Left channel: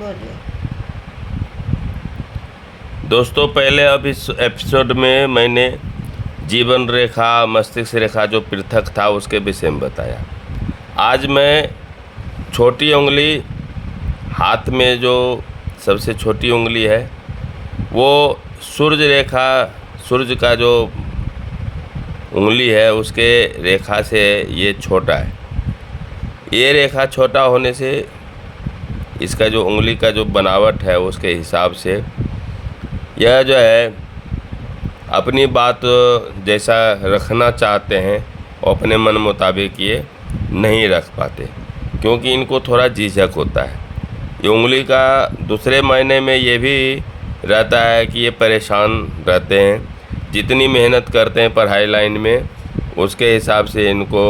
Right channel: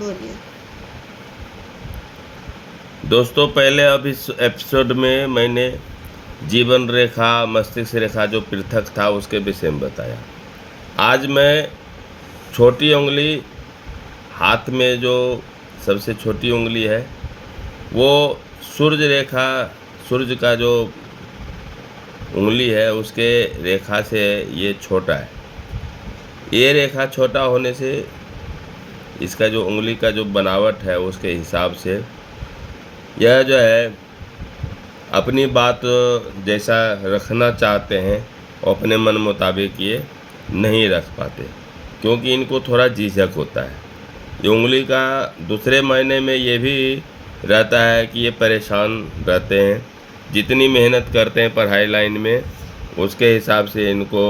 बोलिए। दोस्तों, पहले अब इस एपिसोड में मैंने जीवन रेखा, मस्तिष्क रेखा जो पृथक था उसके विषय में बताया। आज मैं छोटी उंगली, हाथ में जो सबसे छोटी उंगली है वो सूर्य रेखा, सूर्य का जो उंगली है उसके रेखा से ये छोटा है। ये रेखा छोटा होने से इसका जो उंगली का जो बनावट है उसके हिसाब से यह जो है अपनी बात जैसा रखना चाहते हैं और अपने मन मुताबिक ये नहीं रख पाते, क्योंकि इनको थोड़ा झिझक होता है। ये उंगली का दूसरे मायने में ये भी रहता है कि ये परेशान रहते हैं, जितनी मेहनत करते हैं पढ़ाई लाइन में उसके हिसाब से इनको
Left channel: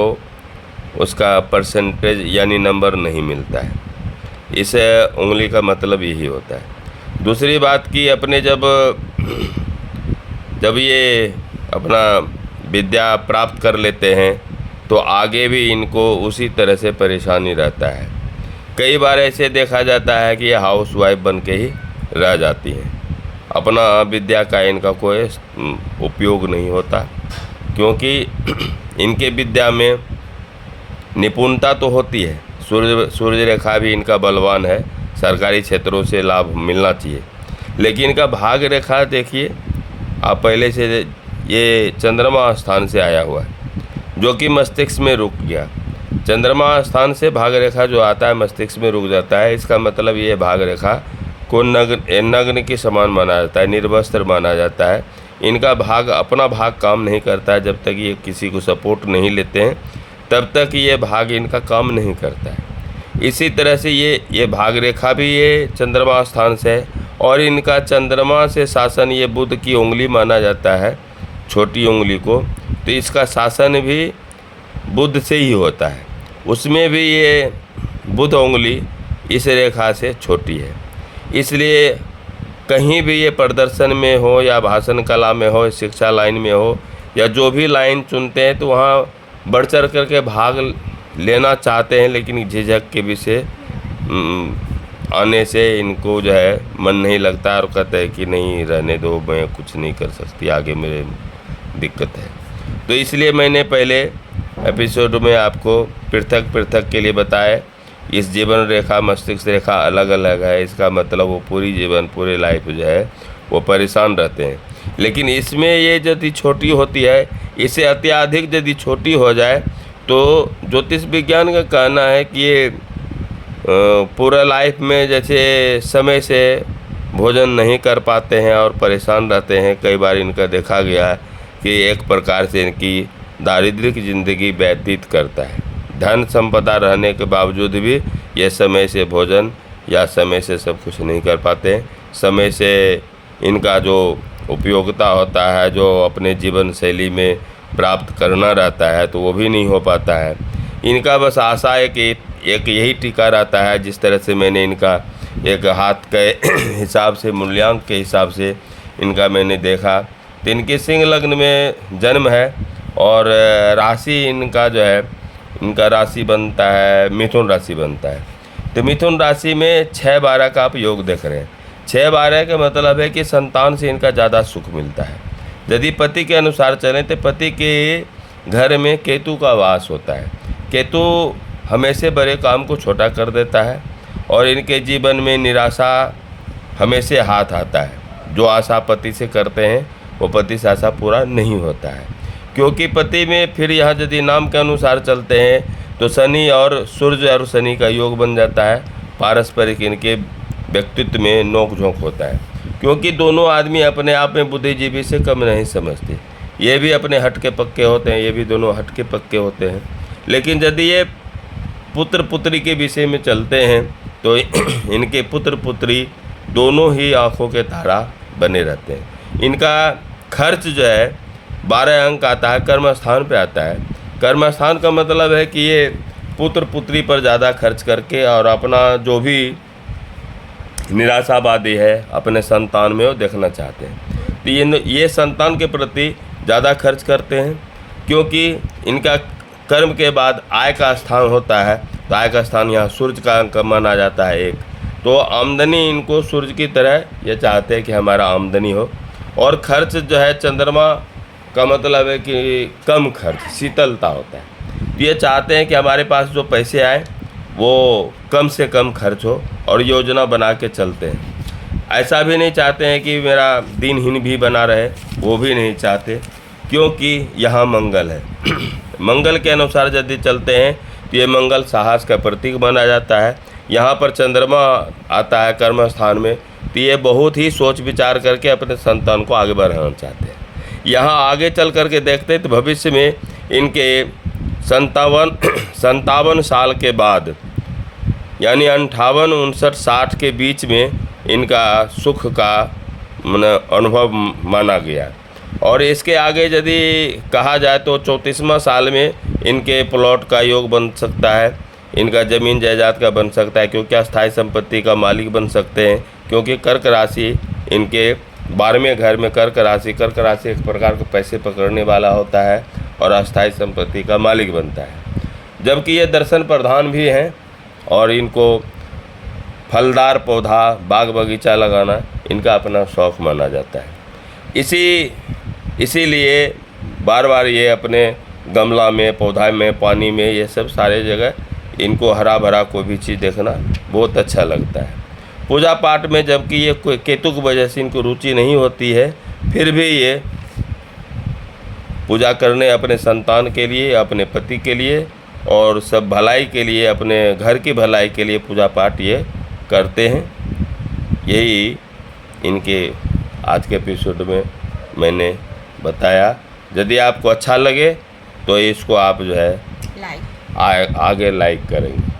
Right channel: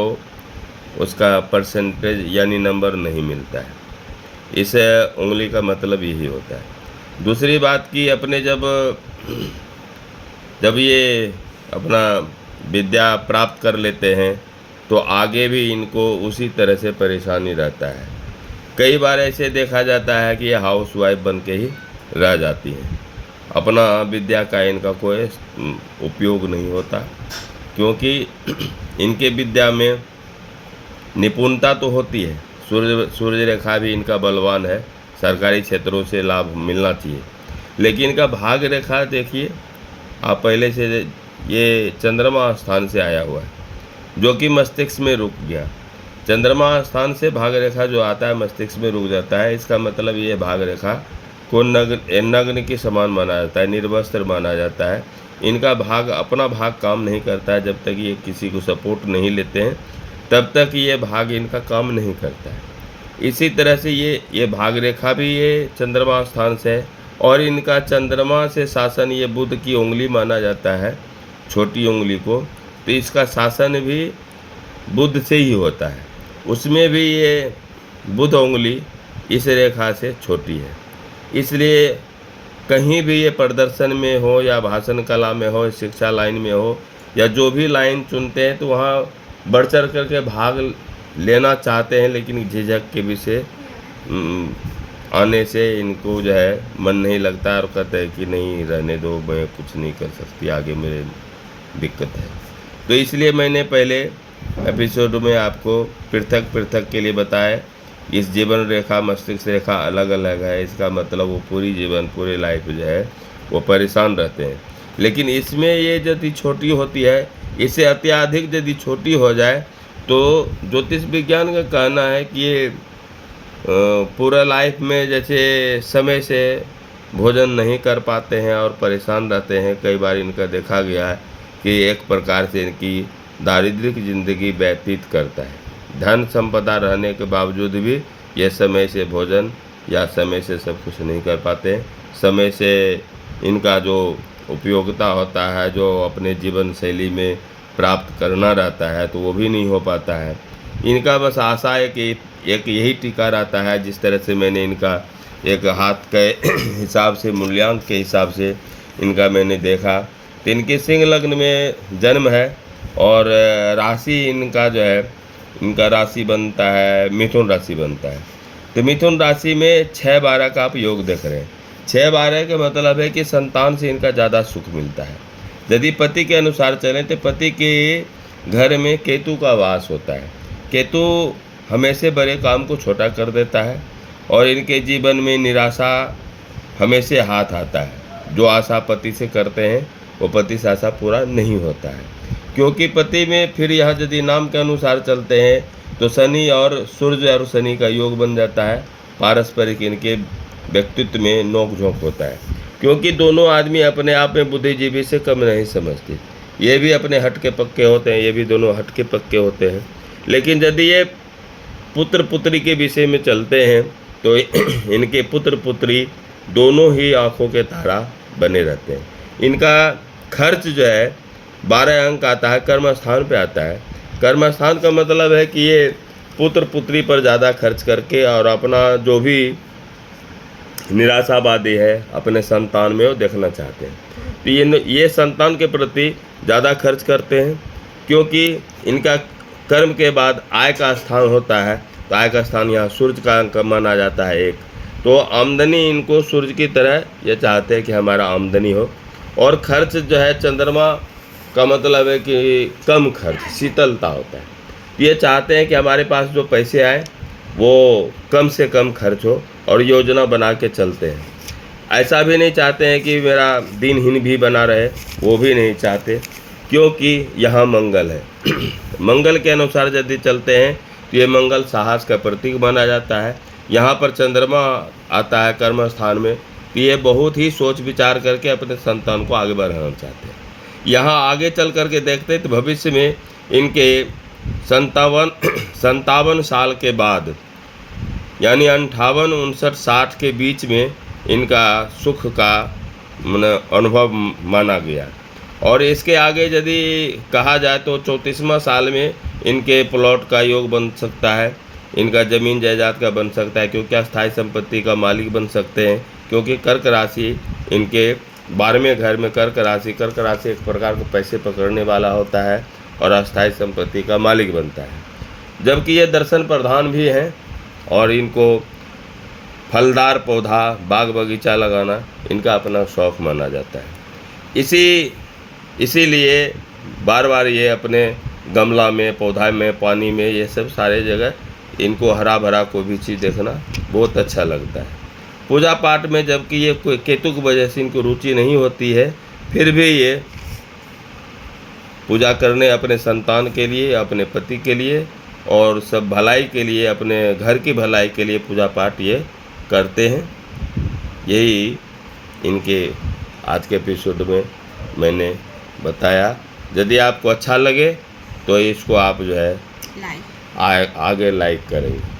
उसका परसेंटेज यानी नंबर नहीं मिलता है। इस उंगली का मतलब यही होता है। दूसरी बात कि अपने जब ये अपना विद्या प्राप्त कर लेते हैं तो आगे भी इनको उसी तरह से परेशानी रहता है। कई बार ऐसे देखा जाता है कि ये हाउस वाइफ बन के ही रह जाती हैं, अपना विद्या का इनका कोई उपयोग नहीं होता, क्योंकि इनके विद्या में निपुणता तो होती है। सूर्य रेखा भी इनका बलवान है, सरकारी क्षेत्रों से लाभ मिलना चाहिए, लेकिन इनका भाग रेखा देखिए आप पहले से, ये चंद्रमा स्थान से आया हुआ है जो कि मस्तिष्क में रुक गया। चंद्रमा स्थान से भाग रेखा जो आता है मस्तिष्क में रुक जाता है। इसका मतलब ये भाग रेखा को नग्न के समान माना जाता है, निर्वस्त्र माना जाता है। इनका भाग, अपना भाग काम नहीं करता है। जब तक ये किसी को सपोर्ट नहीं लेते हैं तब तक ये भाग इनका काम नहीं करता है। इसी तरह से ये भाग रेखा भी ये चंद्रमा स्थान से है, और इनका चंद्रमा से शासन ये बुध की उंगली माना जाता है, छोटी उंगली को। तो इसका शासन भी बुध से ही होता है, उसमें भी ये बुध उंगली इस रेखा से छोटी है। इसलिए कहीं भी ये प्रदर्शन में हो या भाषण कला में हो, शिक्षा लाइन में हो, या जो भी लाइन चुनते हैं तो वहाँ बढ़ चढ़ करके भाग लेना चाहते हैं, लेकिन झिझक के विषय आने से इनको जो है मन नहीं लगता और कहते हैं कि नहीं रहने दो, मैं कुछ नहीं कर सकती, आगे मेरे दिक्कत है। तो इसलिए मैंने पहले एपिसोड में आपको पृथक के लिए बताया। इस जीवन रेखा, मस्तिष्क रेखा अलग अलग है। इसका मतलब वो पूरी जीवन, पूरे लाइफ जो है वो परेशान रहते हैं। लेकिन इसमें ये यदि छोटी होती है, इसे अत्यधिक यदि छोटी हो जाए तो ज्योतिष विज्ञान का कहना है कि ये पूरा लाइफ में जैसे समय से भोजन नहीं कर पाते हैं और परेशान रहते हैं। कई बार इनका देखा गया है कि एक प्रकार से इनकी दारिद्र्य की ज़िंदगी व्यतीत करता है। धन संपदा रहने के बावजूद भी ये समय से भोजन या समय से सब कुछ नहीं कर पाते हैं। समय से इनका जो उपयोगिता होता है, जो अपने जीवन शैली में प्राप्त करना रहता है, तो वो भी नहीं हो पाता है। इनका बस आशा है कि एक यही टीका रहता है। जिस तरह से मैंने इनका एक हाथ के हिसाब से, मूल्यांक के हिसाब से इनका मैंने देखा, तो इनके सिंह लग्न में जन्म है और राशि इनका जो है, इनका राशि बनता है मिथुन राशि बनता है। तो मिथुन राशि में 6-12 का आप योग देख रहे हैं। 6-12 का मतलब है कि संतान से इनका ज़्यादा सुख मिलता है। यदि पति के अनुसार चलें तो पति के घर में केतु का वास होता है। केतु हमेशा बड़े काम को छोटा कर देता है और इनके जीवन में निराशा हमेशा हाथ आता है। जो आशा पति से करते हैं वो पति से आशा पूरा नहीं होता है, क्योंकि पति में फिर यहाँ यदि नाम के अनुसार चलते हैं तो शनि और सूर्य और शनि का योग बन जाता है। पारस्परिक इनके व्यक्तित्व में नोक झोंक होता है, क्योंकि दोनों आदमी अपने आप में बुद्धिजीवी से कम नहीं समझते। ये भी अपने हटके पक्के होते हैं, ये भी दोनों हटके पक्के होते हैं। लेकिन यदि ये पुत्र पुत्री के विषय में चलते हैं तो इनके पुत्र पुत्री दोनों ही आँखों के तारा बने रहते हैं। इनका खर्च जो है 12 अंक आता है, कर्म स्थान पे आता है। कर्म स्थान का मतलब है कि ये पुत्र पुत्री पर ज़्यादा खर्च करके और अपना जो भी निराशावादी है अपने संतान में वो देखना चाहते हैं। तो ये संतान के प्रति ज़्यादा खर्च करते हैं, क्योंकि इनका कर्म के बाद आय का स्थान होता है। तो आय का स्थान यहाँ सूर्य का अंक माना जाता है एक। तो आमदनी इनको सूर्य की तरह ये चाहते हैं कि हमारा आमदनी हो, और खर्च जो है चंद्रमा का मतलब है कि कम खर्च, शीतलता होता है। तो ये चाहते हैं कि हमारे पास जो पैसे आए वो कम से कम खर्च हो, और योजना बना के चलते हैं। ऐसा भी नहीं चाहते हैं कि मेरा दिनहीन भी बना रहे, वो भी नहीं चाहते, क्योंकि यहाँ मंगल है। मंगल के अनुसार यदि चलते हैं तो ये मंगल साहस का प्रतीक माना जाता है। यहाँ पर चंद्रमा आता है कर्म स्थान में, तो ये बहुत ही सोच विचार करके अपने संतान को आगे बढ़ाना चाहते हैं। यहाँ आगे चल करके देखते हैं तो भविष्य में इनके 57 साल के बाद, यानी 58, 59, 60 के बीच में इनका सुख का अनुभव माना गया। और इसके आगे यदि कहा जाए तो 34वां साल में इनके प्लॉट का योग बन सकता है, इनका ज़मीन जायदाद का बन सकता है, क्योंकि अस्थायी संपत्ति का मालिक बन सकते हैं, क्योंकि कर्क राशि इनके 12वें घर में कर्क राशि एक प्रकार के पैसे पकड़ने वाला होता है और अस्थायी संपत्ति का मालिक बनता है। जबकि ये दर्शन प्रधान भी हैं, और इनको फलदार पौधा बाग बगीचा लगाना इनका अपना शौक़ माना जाता है। इसीलिए बार बार ये अपने गमला में, पौधा में, पानी में, ये सब सारे जगह इनको हरा भरा कोई भी चीज़ देखना बहुत अच्छा लगता है। पूजा पाठ में जबकि ये केतु की वजह से इनको रुचि नहीं होती है, फिर भी ये पूजा करने अपने संतान के लिए, अपने पति के लिए और सब भलाई के लिए, अपने घर की भलाई के लिए पूजा पाठ ये करते हैं। यही इनके आज के एपिसोड में मैंने बताया। यदि आपको अच्छा लगे तो इसको आप जो है आगे लाइक करेंगे।